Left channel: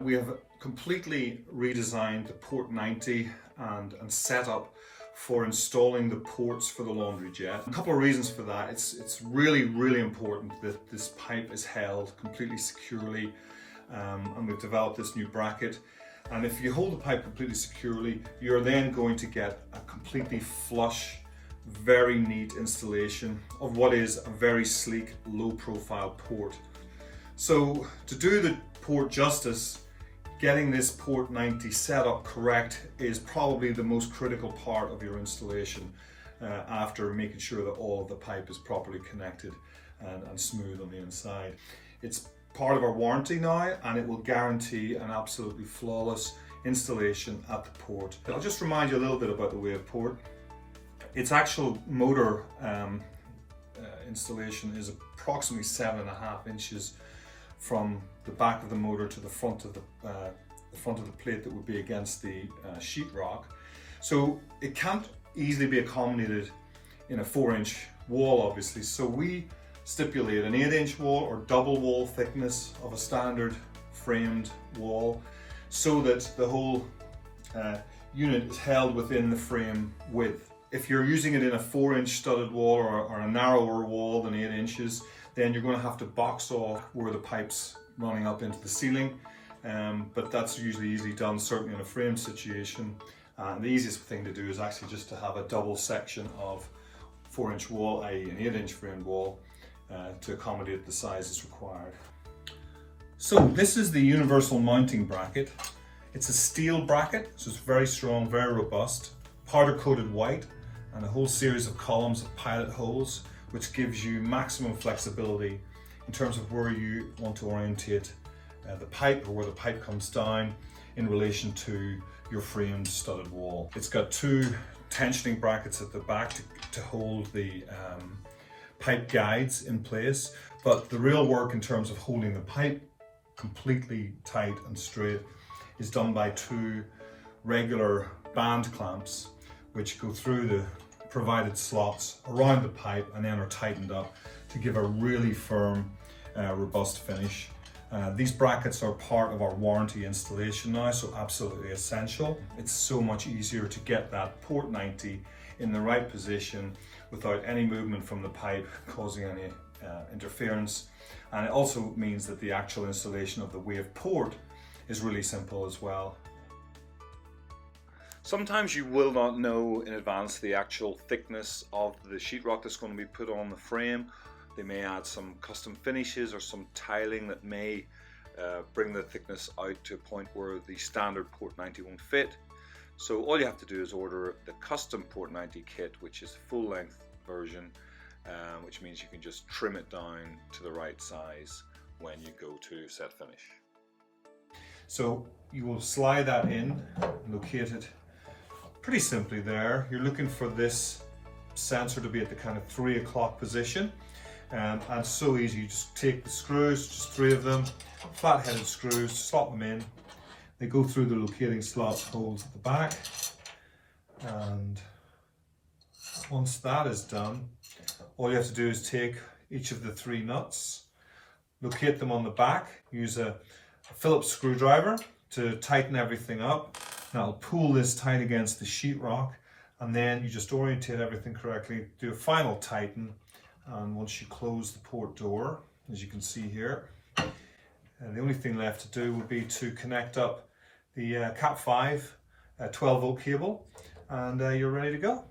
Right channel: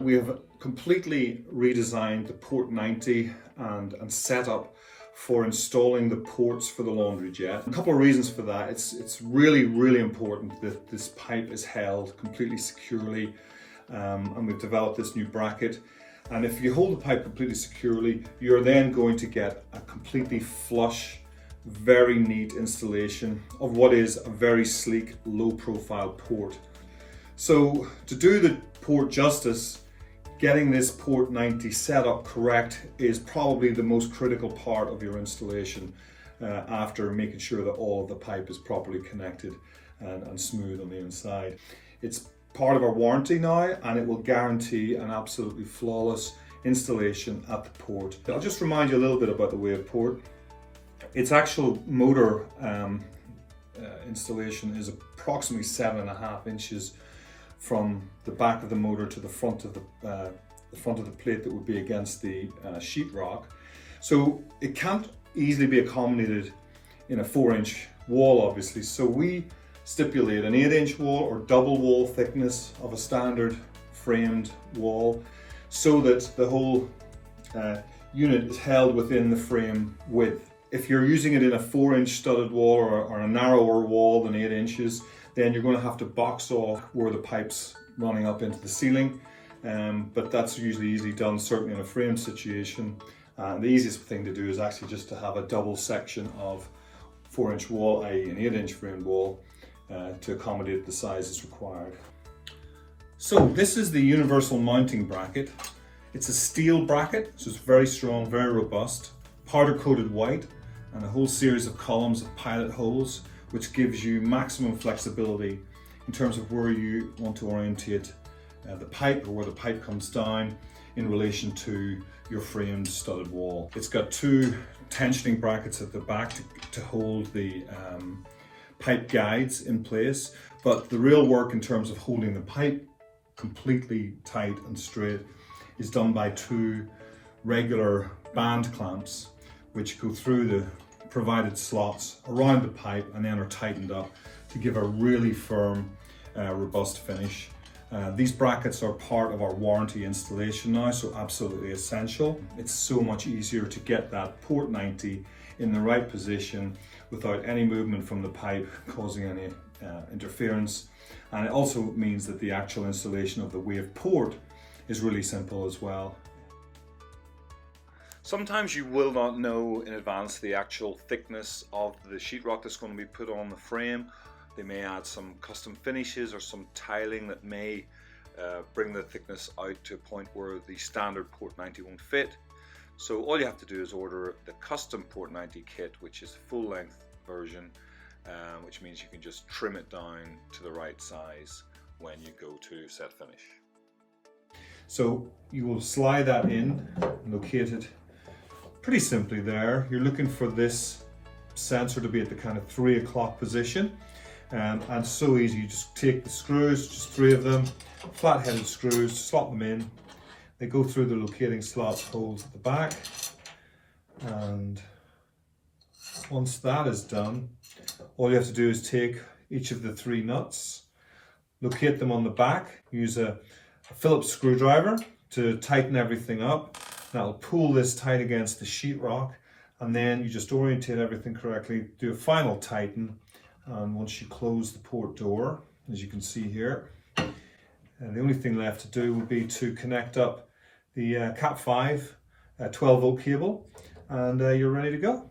We have completely redesigned the Port 90 and set up for installing the ports for the laundry jet. A couple of reasons for that. It's really important that this pipe is held completely securely, and we've developed this new bracket. And if you hold the pipe completely securely, you're then going to get a completely flush, very neat installation of what is a very sleek, low profile port. So to do the port justice, getting this Port 90 set up correct is probably the most critical part of your installation, after making sure that all of the pipe is properly connected and smooth on the inside. It's part of our warranty now, and it will guarantee an absolutely flawless installation at the port. I'll just remind you a little bit about the Wave port. Its actual motor installation is approximately 7.5 inches from the back of the motor to the front of the plate that would be against the sheetrock. So it can't easily be accommodated in a 4-inch wall, obviously. So we stipulate an 8-inch wall or double wall thickness of a standard framed wall, so that the whole unit is held within the frame width. If you're using it in a 4-inch studded wall or a narrower wall than 8 inches, then you're going to have to box off where the pipe's running up into the ceiling. But that's usually easily done, certainly in a frame situation. The easiest thing to do is actually just to have a double section of 4-inch wall, i.e. an 8-inch framed wall, to accommodate the sizes required. So this is the universal mounting bracket. It's a steel bracket, so it's very strong, very robust, powder coated white, and a whole series of columns of pilot holes, which gives you maximum flexibility in terms of where you want to orientate the pipe, or where the pipe comes down in relation to your framed studded wall. It's got 2 tensioning brackets at the back to hold the pipe guides in place, but the real work in terms of holding the pipe completely tight and straight is done by 2 regular band clamps, which go through the provided slots around the pipe and then are tightened up to give a really firm, robust finish. These brackets are part of our warranty installation now, so absolutely essential. It's so much easier to get that Port 90 in the right position without any movement from the pipe causing any interference. And it also means that the actual installation of the Wave port is really simple as well. Sometimes you will not know in advance the actual thickness of the sheetrock that's going to be put on the frame. They may add some custom finishes or some tiling that may bring the thickness out to a point where the standard Port 90 won't fit. So all you have to do is order the custom Port 90 kit, which is the full length version, which means you can just trim it down to the right size when you go to set finish. So you will slide that in, locate it pretty simply there. You're looking for this sensor to be at the kind of 3 o'clock position, and so easy. You just take the screws, just 3 of them, flat-headed screws, slot them in. They go through the locating slot holes at the back, and once that is done, all you have to do is take each of the 3 nuts, locate them on the back, use a Phillips screwdriver to tighten everything up. That'll pull this tight against the sheetrock, and then you just orientate everything correctly, do a final tighten, and once you close the port door, as you can see here, and the only thing left to do would be to connect up the Cat 5 12 volt cable, and you're ready to go.